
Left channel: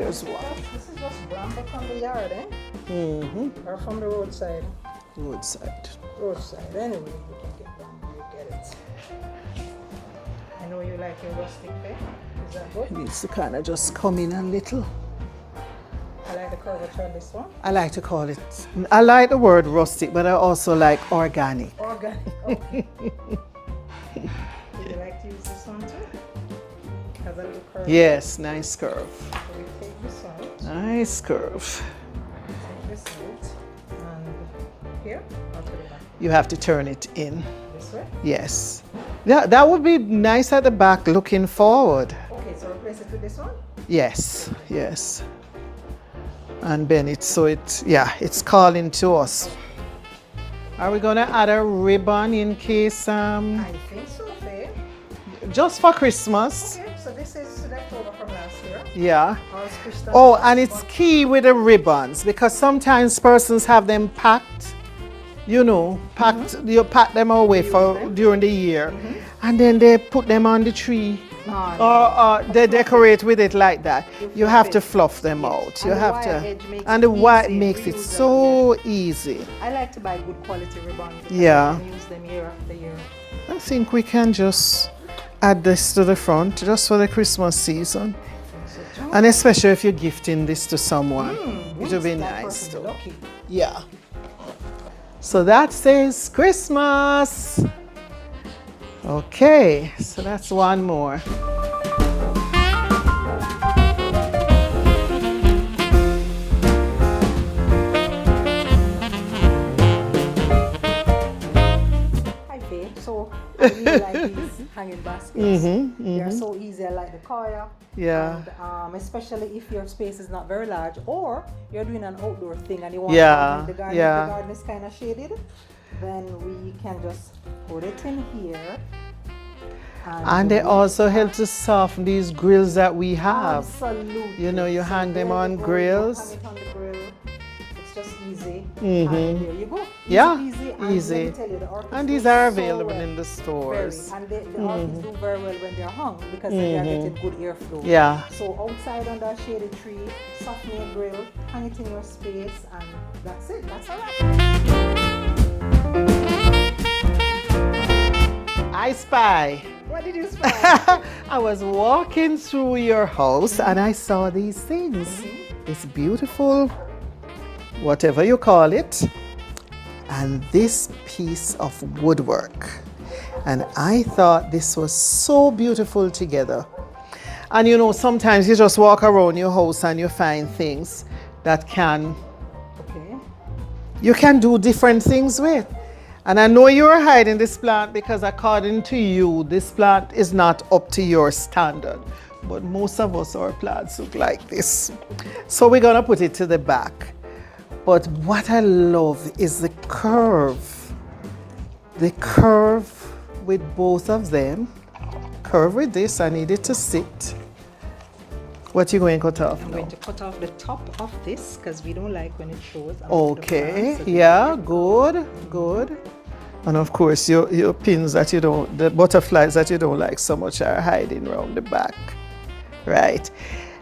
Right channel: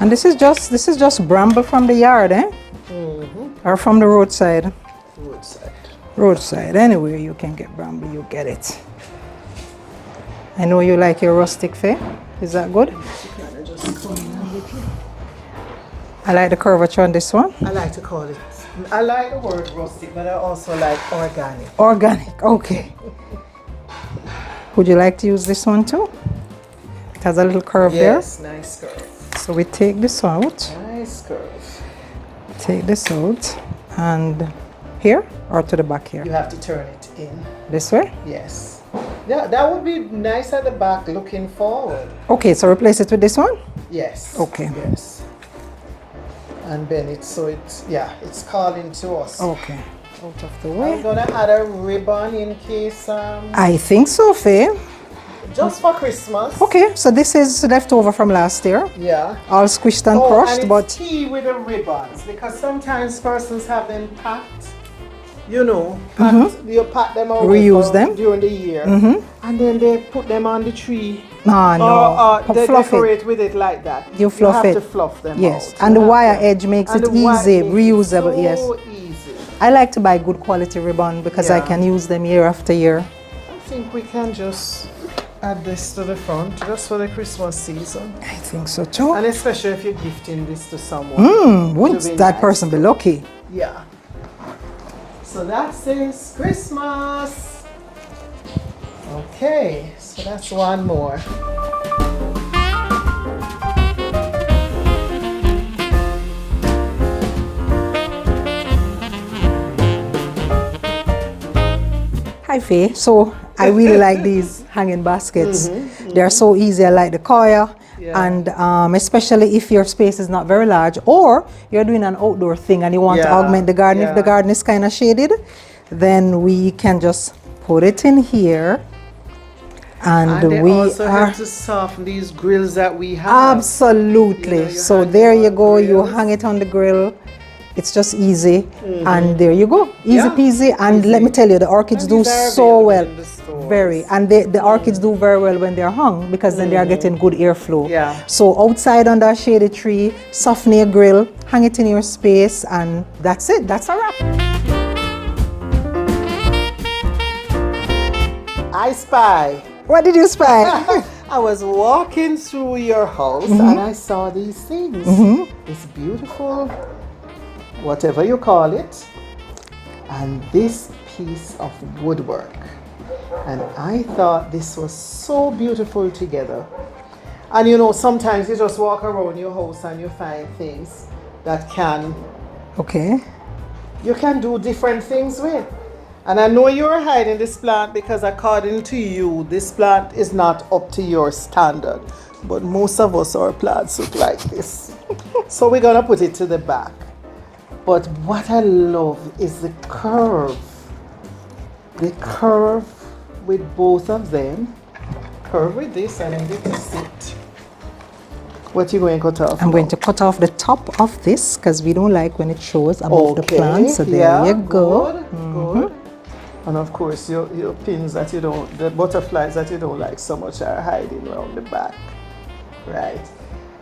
And this is just bramble from the yard, eh? Or from the roadside? Roadside, anywhere you can get bramble, you get it. I know you like your rustic fare. Is that good? Yes, you kind of just come in a little. I like the curvature on this one. I like to call it, I like the word rustic, but I also like organic. Organic, okay. Would you like to use this one too? It has a little curve there. Yes, nice curve. So we take this out. Nice curve. Take this out and here or to the back here? You have to turn it in. This way? Yes. Yeah, that would be nice at the back looking forward. Okay, so replace it with this one? Yes. Okay. Yes. And then it's calling to us. Okay. Out of the way. Are we gonna add a ribbon in case? I think so, Faye. Just for Christmas. Okay, so this is leftover from last year. Yeah. All squished and crushed. And it's tea with the ribbons, because sometimes persons have them packed. You know, you pack them away during the year, and then they put them on the tree. Or they decorate with it like that. You have to fluff them out. And the wire edge makes it easy, reusable. So easy. I like to buy good quality ribbon because I can use them year after year. I think we can just add this to the front just for the Christmas season. I think so too. And especially if you're gifting this to someone. Wouldn't that person be lucky? Yeah. So that says Christmas. Okay, so that's one more. Hi Faye, so I really like these hanging baskets. They're so easy. I like the coir. Yeah. And especially if your space is not very large, or you're doing an outdoor thing and you want to augment the garden. If the garden is kind of shaded, then we can just put it in here. And they we also have to soften these grills that we have. Absolutely. You know, so there you go. You hang it on the grill. It's just easy, and there you go, easy peasy. And easy. Let me tell you, the orchids do so well, very, and the orchids do very well when they're hung, because then they are getting good airflow. Yeah. So outside under a shady tree, soften your grill, hang it in your space, and that's it. That's a wrap. I spy. What did you spy? I was walking through your house and I saw these things. It's beautiful, whatever you call it, and this piece of woodwork, and I thought this was so beautiful together. And you know, sometimes you just walk around your house and you find things that you can do different things with. And I know you're hiding this plant because according to you, this plant is not up to your standard, but most of us, our plants look like this. So we're gonna put it to the back. But what I love is the curve. The curve with both of them. Curve with this, I need it to sit. What are you going to cut off? I'm going to cut off the top of this because we don't like when it shows above the plant. So there you go. Good. And of course, your pins that you don't, the butterflies that you don't like so much are hiding around the back. Right.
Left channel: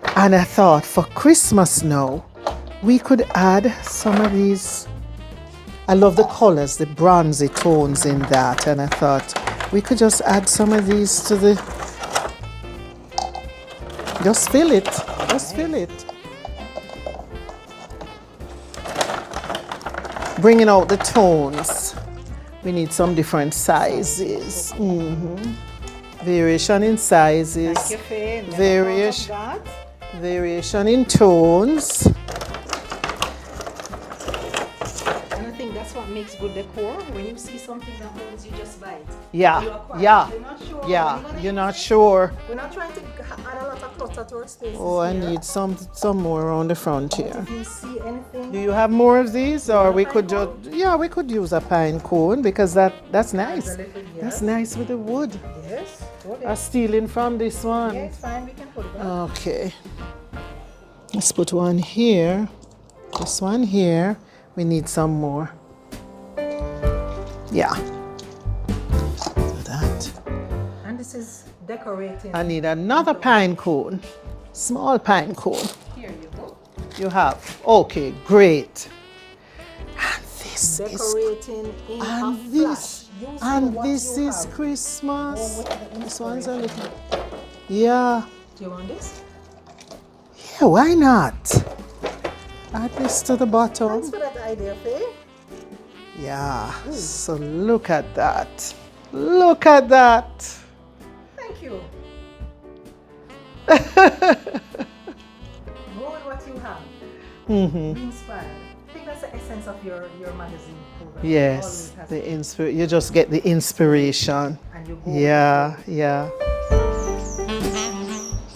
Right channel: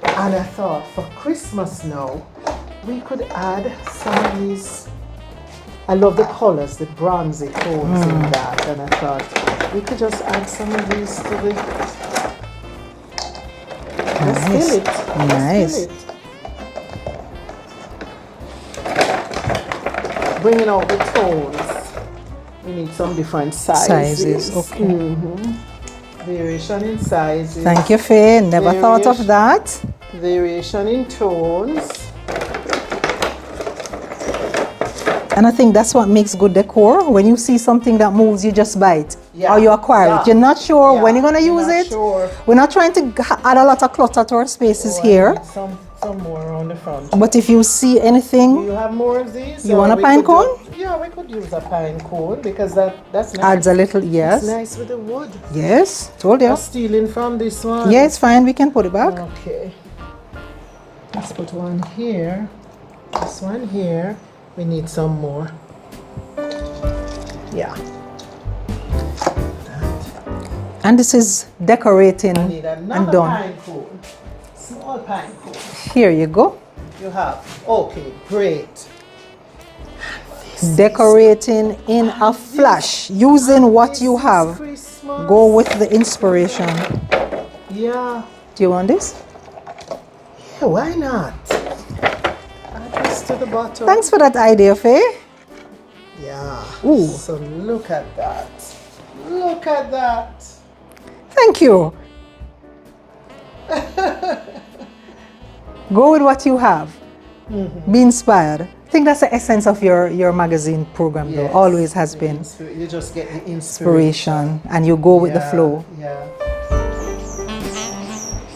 And I thought for Christmas now, we could add some of these. I love the colors, the bronzy tones in that, and I thought we could just add some of these to the. Just fill it. Nice. Just fill it. Bringing out the tones. We need some different sizes. Okay. Variation in sizes. Thank you, Faye. Never thought of that. Variation in tones. And I think that's what makes good decor. When you see something that moves, you just buy it. Yeah. Or you acquire it. You're not sure when you're going to use it. Sure. We're not trying to add a lot of clutter to our spaces here. I need some more around the front. But if you see anything. Do you have more of these? You want a pine cone? Yeah, we could use a pine cone because that's nice. Adds a little, yes. It's nice with the wood. Yes, told you. I'm stealing from this one. Yeah, it's fine. We can put it back. Okay. Let's put one here. This one here. We need some more. Yeah. That. And this is decorating. I need another pine cone. Small pine cone. Here you go. You have. Okay, great. Decorating in a flash. Using what you have. Christmas. Go with the inspiration. Yeah. Do you want this? Yeah, why not? Add this to the bottom. Thanks for that idea, Faye. Yeah. Ooh. So look at that. Look at that. Thank you. Go with what you have. Be inspired. I think that's the essence of your magazine program. Yes, always has been. You just get the inspiration. And you go with the flow. Yeah.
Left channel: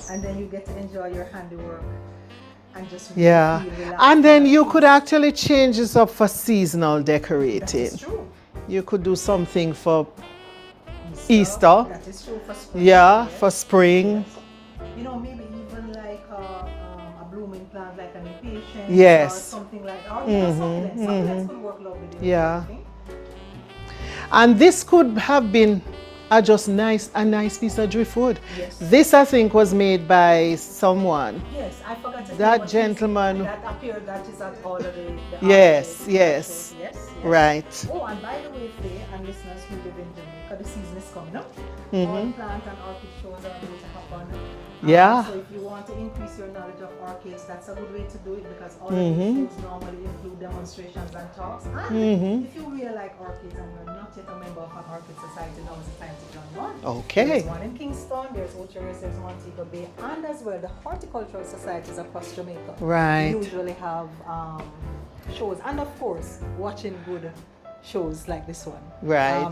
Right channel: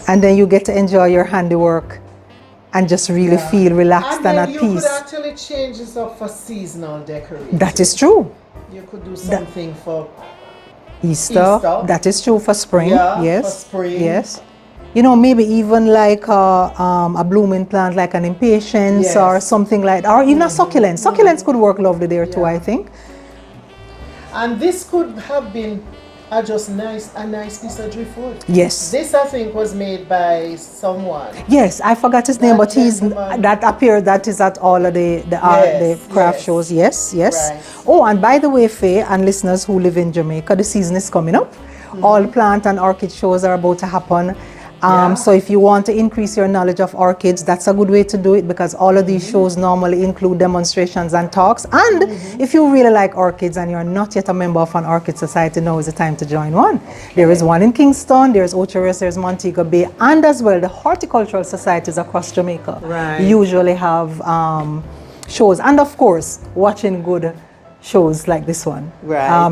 And then you get to enjoy your handiwork and just really feel relaxed and then at you peace. could actually change this up for seasonal decorating. That is true. You could do something for Easter. That is true for spring. Yeah, yes. for spring. Yes. You know, maybe even like a blooming plant like an impatiens or something like that. Or even a succulent. Succulents could work lovely there too, I think. And this could have been a nice piece of driftwood. Yes. This, I think, was made by someone. Yes, I forgot his name, but that is at all of the craft shows. Yes. Right. Oh, and by the way, Faye and listeners who live in Jamaica, the season is coming up. All plant and orchid shows are about to happen. So if you want to increase your knowledge of orchids, that's a good way to do it, because all of these shows normally include demonstrations and talks. And if you really like orchids and you're not yet a member of an orchid society, now is the time to join one. There is one in Kingston, there's Orchids, there's Montego Bay, and as well the horticultural societies across Jamaica usually have shows. And of course, watching good shows like this one.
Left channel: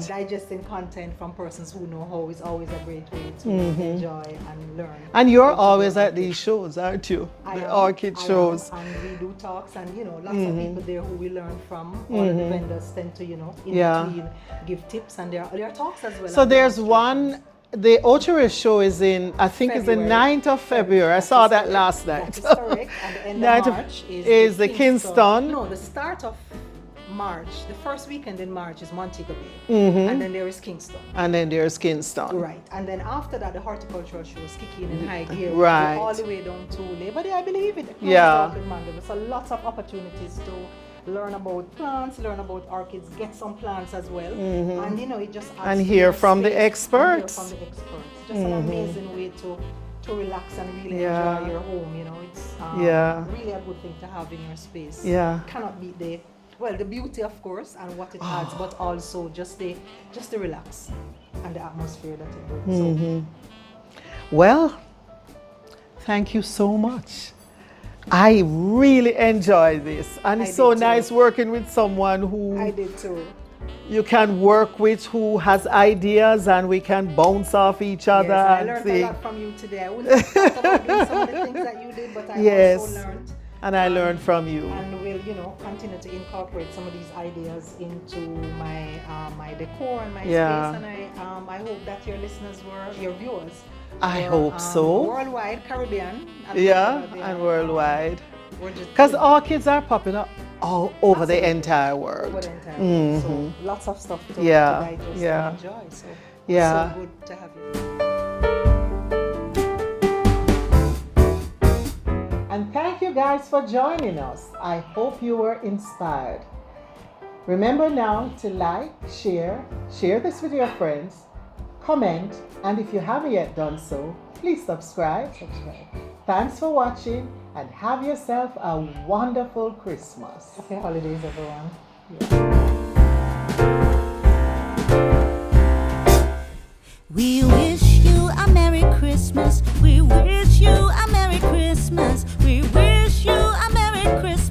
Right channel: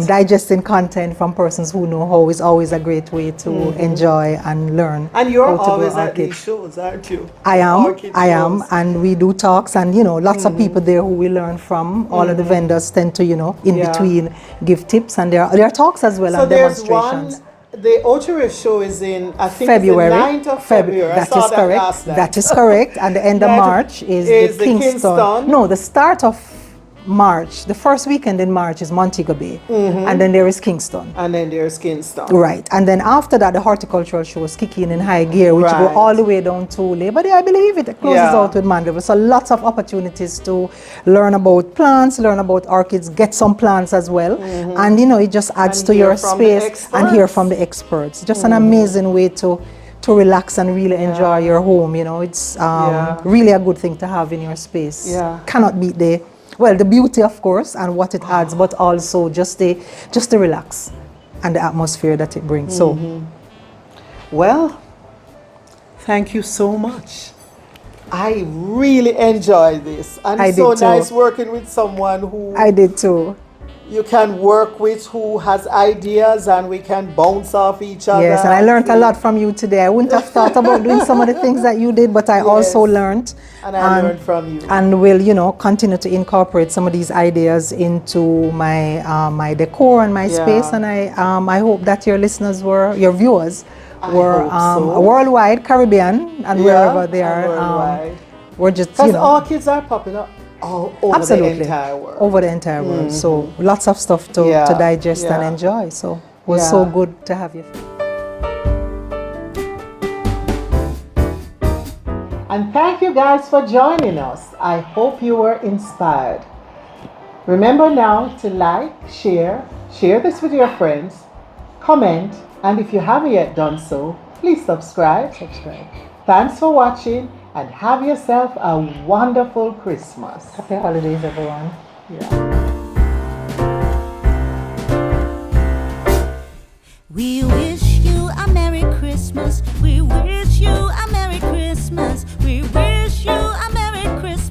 Digesting content from persons who know how is always a great way to enjoy and learn. And you're always at these shows, aren't you? I am, and we do talks, and lots of people there who we learn from. All of the vendors tend to, in between, give tips, and there are talks as well. So there's one. The Orchid show is in, I think, February. It's the 9th of February. I saw that last night. That is correct. And the end of March is the Kingston. No, the start of March, the first weekend in March is Montego Bay, and then there is Kingston. And then there's Kingston. Right, and then after that, the horticultural shows kick in high gear, which go all the way down to Labor Day, I believe it closes out with Mandeville. So lots of opportunities to learn about plants, learn about orchids, get some plants as well, and it just adds to your space and hear from the experts. Just an amazing way to relax and really enjoy your home. It's really a good thing to have in your space. Cannot beat the beauty, of course, and what it adds, but also just to relax and the atmosphere that it brings. So, well, thank you so much. I really enjoyed this, and it's so nice working with someone who I did too. You can work with, who has ideas, and we can bounce off each other. Yes, and I learned a lot from you today. I wouldn't have thought about doing some of the things that you did, but I also learned. And I learned from you. And will, continue to incorporate some of these ideas into my my decor and my space. And I hope that your listeners your viewers were worldwide, Caribbean, and wherever they are. Worldwide. We're just, because orchids are popular all over the entire world. Over the entire world. So lots of stuff to digest and enjoy. So it was so good to have you. And thank you guys for joining us. I hope you were inspired. Remember now to like, share this with your friends, comment, and if you haven't yet done so, please subscribe. Thanks for watching, and have yourself a wonderful Christmas. Happy holidays, everyone. We wish you a Merry Christmas. We wish you a Merry Christmas. We wish you a Merry Christmas.